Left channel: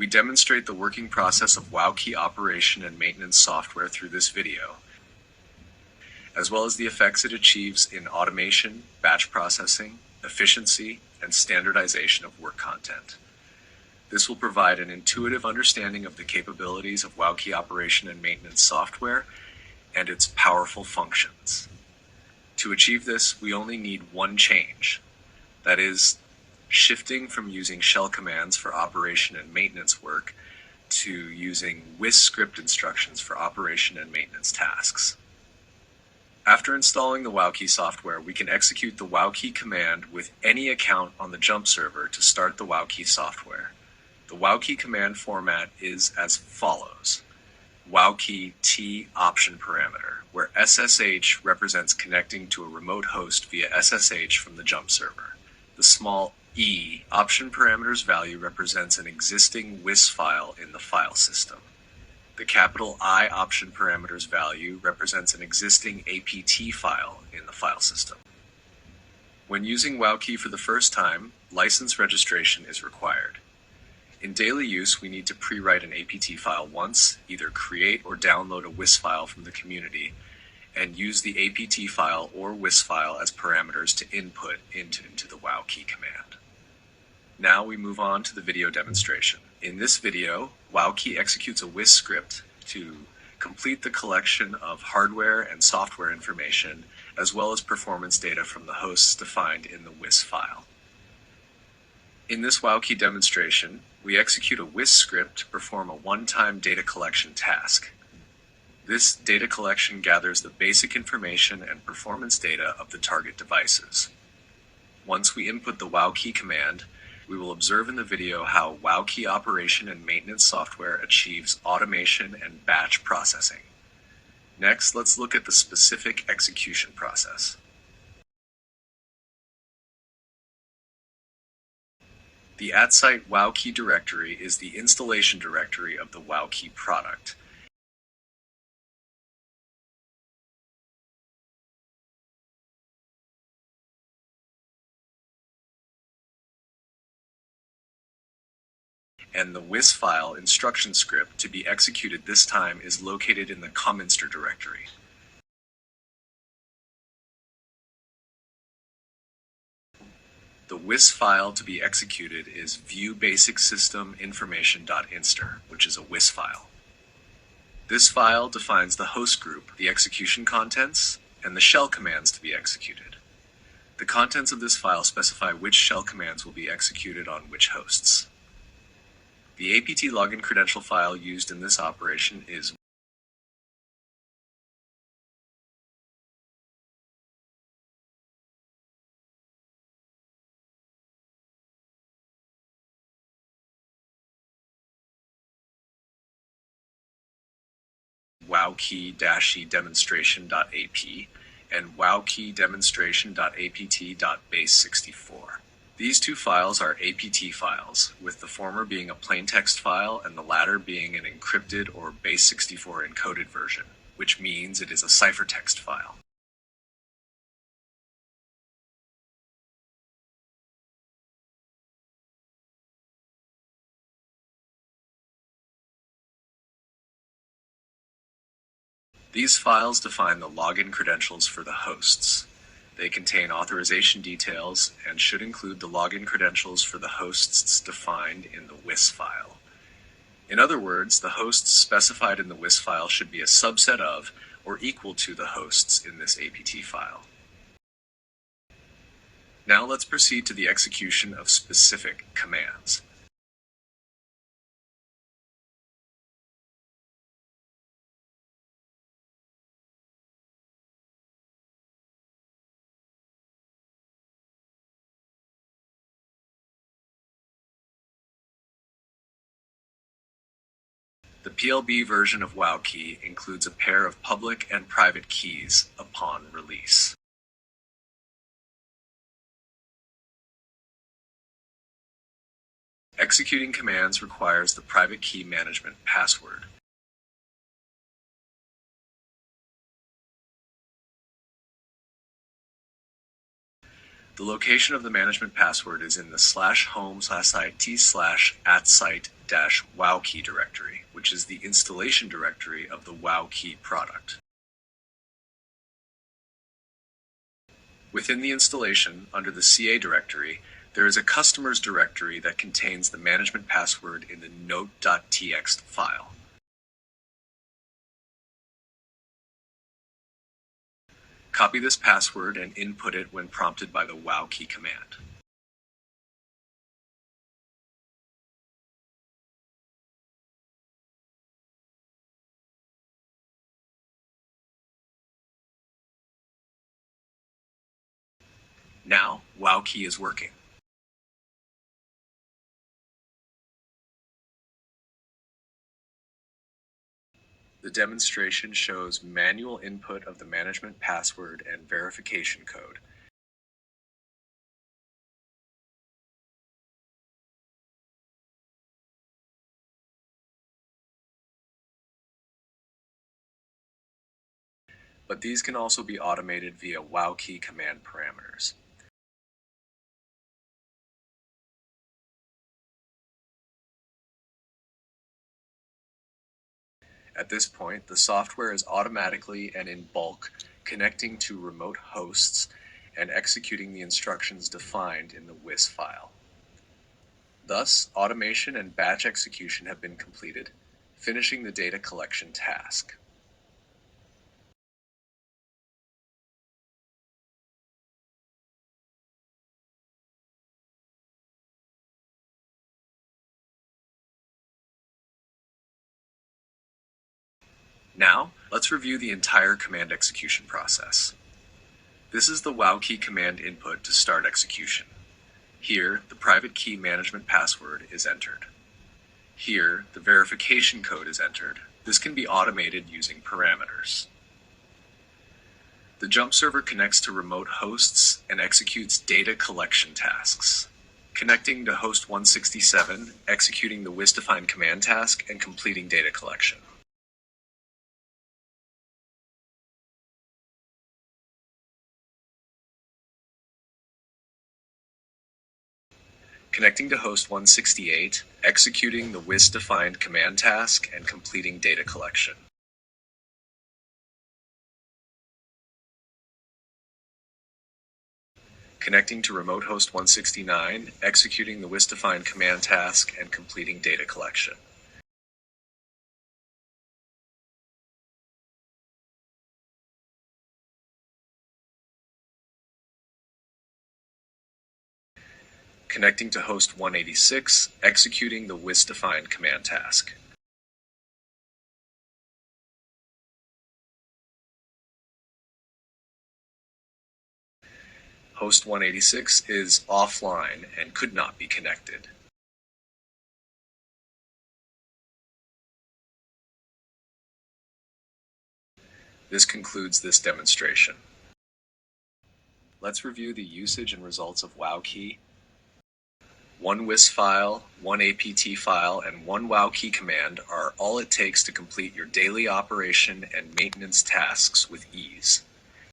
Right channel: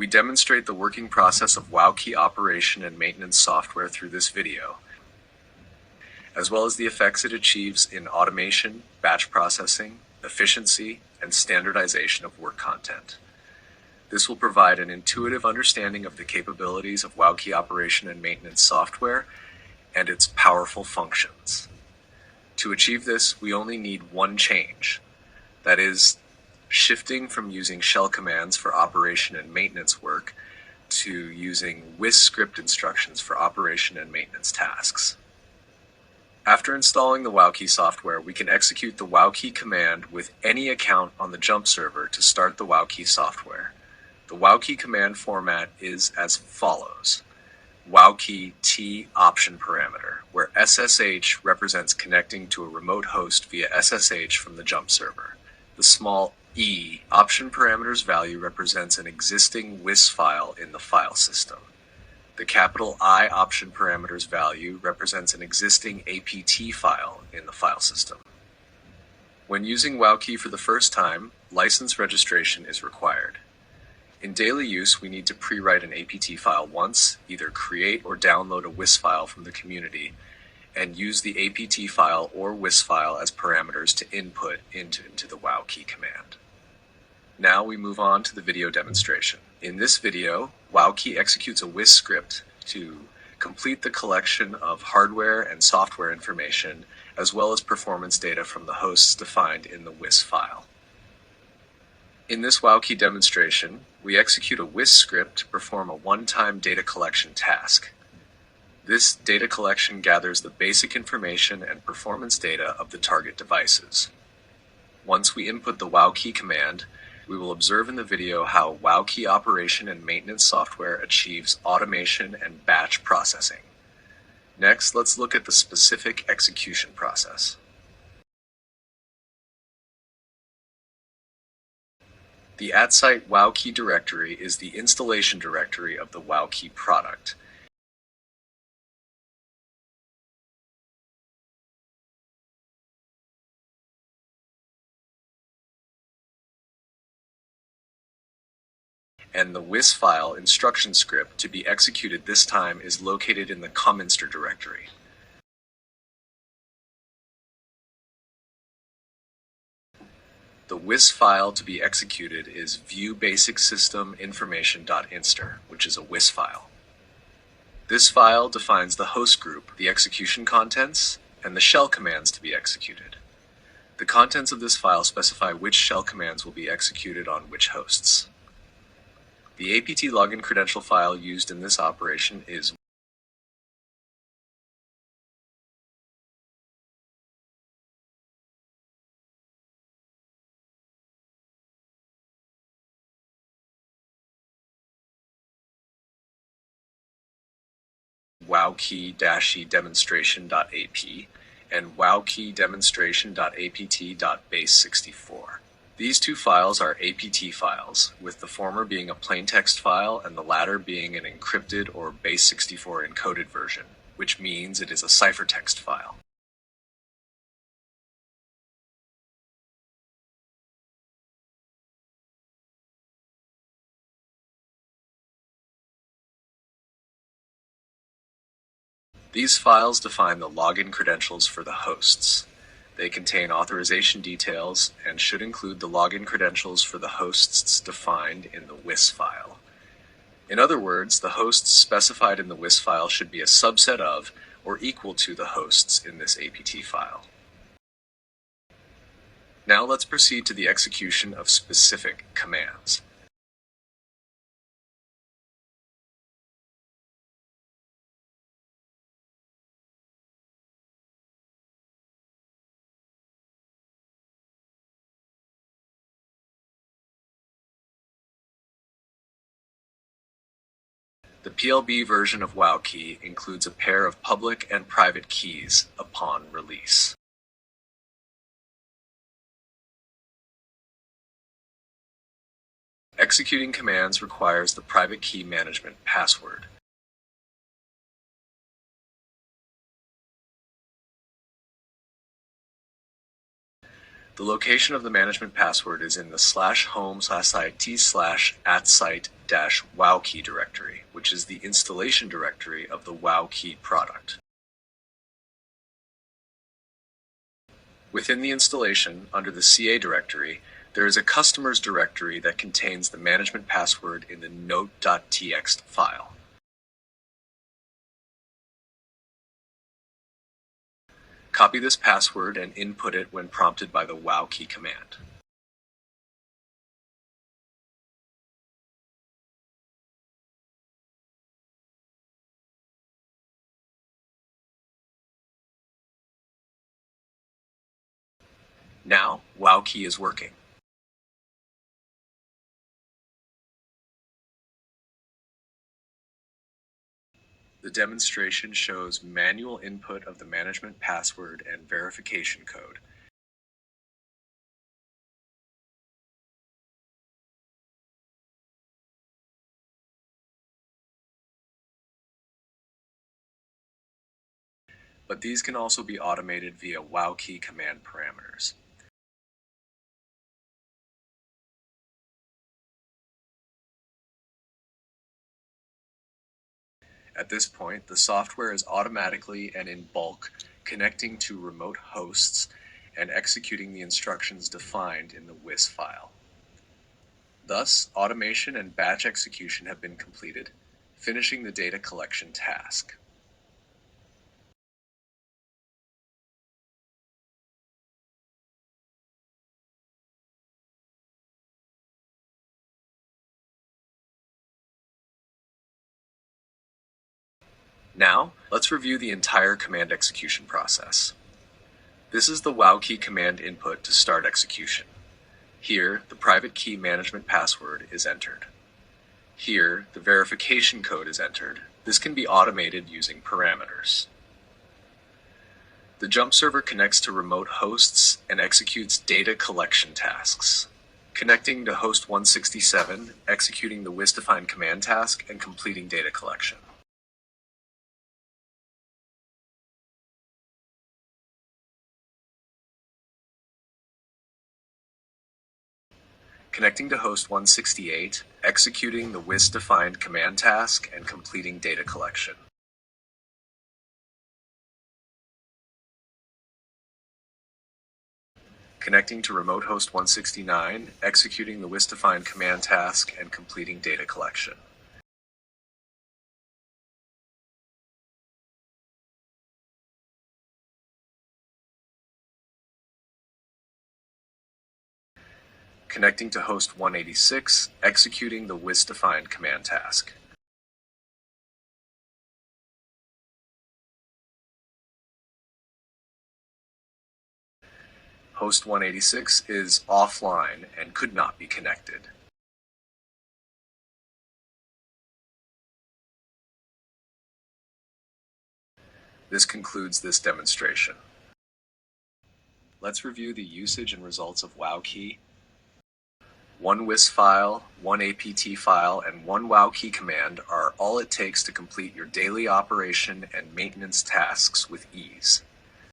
We demonstrate the working process of WowKey operation and maintenance software through this video, as well as the effects it achieves in automation, batch processing, efficiency, and standardization of work content. This will provide an intuitive understanding of the capabilities of WowKey operation and maintenance software and its powerful functions. To achieve this, we only need one change. That is, shifting from using shell commands for operation and maintenance work to using WIS script instructions for operation and maintenance tasks. After installing the WowKey software, we can execute the WowKey command with any account on the jump server to start the WowKey software. The WowKey command format is as follows. WowKey T option parameter, where SSH represents connecting to a remote host via SSH from the jump server. The small e option parameter's value represents an existing WIS file in the file system. The capital I option parameter's value represents an existing APT file in the file system. When using WowKey for the first time, license registration is required. In daily use, we need to pre-write an APT file once, either create or download a WIS file from the community, and use the APT file or WIS file as parameters to input into the WowKey command. Now we move on to the video demonstration. In this video, WowKey executes a WIS script to complete the collection of hardware and software information, as well as performance data from the hosts defined in the WIS file. In this WowKey demonstration, we execute a WIS script to perform a one-time data collection task. This data collection gathers the basic information and performance data of the target devices. Once we input the WowKey command, we will observe in the video how WowKey operation and maintenance software achieves automation and batch processing. Next, let's look at the specific execution process. The @site WowKey directory is the installation directory of the WowKey product. And the WIS file instruction script to be executed this time is located in the comminster directory. The WIS file to be executed is viewbasicsystem.information.inster, which is a WIS file. This file defines the host group, the execution contents, and the shell commands to be executed. The contents of this file specify which shell commands will be executed on which hosts. The APT login credential file used in this operation is WowKey demonstration.ap and WowKey demonstration.apt.base64. These two files are APT files, with the former being a plain text file and the latter being an encrypted or base64 encoded version, which means it is a ciphertext file. These files define the login credentials for the hosts. They contain authorization details and should include the login credentials for the hosts defined in the WIS file. In other words, the hosts specified in the WIS file should be a subset of or equal to the hosts in this APT file. Now let's proceed to the execution of specific commands. The PLB version of WowKey includes a pair of public and private keys upon release. Executing commands requires the private key management password. The location of the management password is in the /home/it/@site dependency-wowkey directory, which is the installation directory of the WowKey product. Within the installation, under the CA directory, there is a customers directory that contains the management password in the note.txt file. Copy this password and input it when prompted by the WowKey command. Now, WowKey is working. The demonstration shows manual input of the management password and verification code. But these can also be automated via WowKey command parameters. At this point, the software is automatically and in bulk connecting to remote hosts and executing the instructions defined in the WIS file. Thus, automation and batch execution have been completed, finishing the data collection task. Now, let's review the entire command execution process. This is the WowKey command input to start execution. Here, the private key management password is entered. Here, the verification code is entered. This can be automated using parameters. The jump server connects to remote hosts and executes data collection tasks. Connecting to host 167, executing the WIS-defined command task, and completing data collection. Connecting to host 168, executing the WIS-defined command task, and completing data collection. Connecting to remote host 169, executing the WIS-defined command task, and completing data collection. Connecting to host 186, executing the WIS-defined command task. Host 186 is offline and could not be connected. This concludes this demonstration. Let's review the usage and results of WowKey. One WIS file, one APT file, and one WowKey command are all it takes to complete your daily operation and maintenance tasks with ease.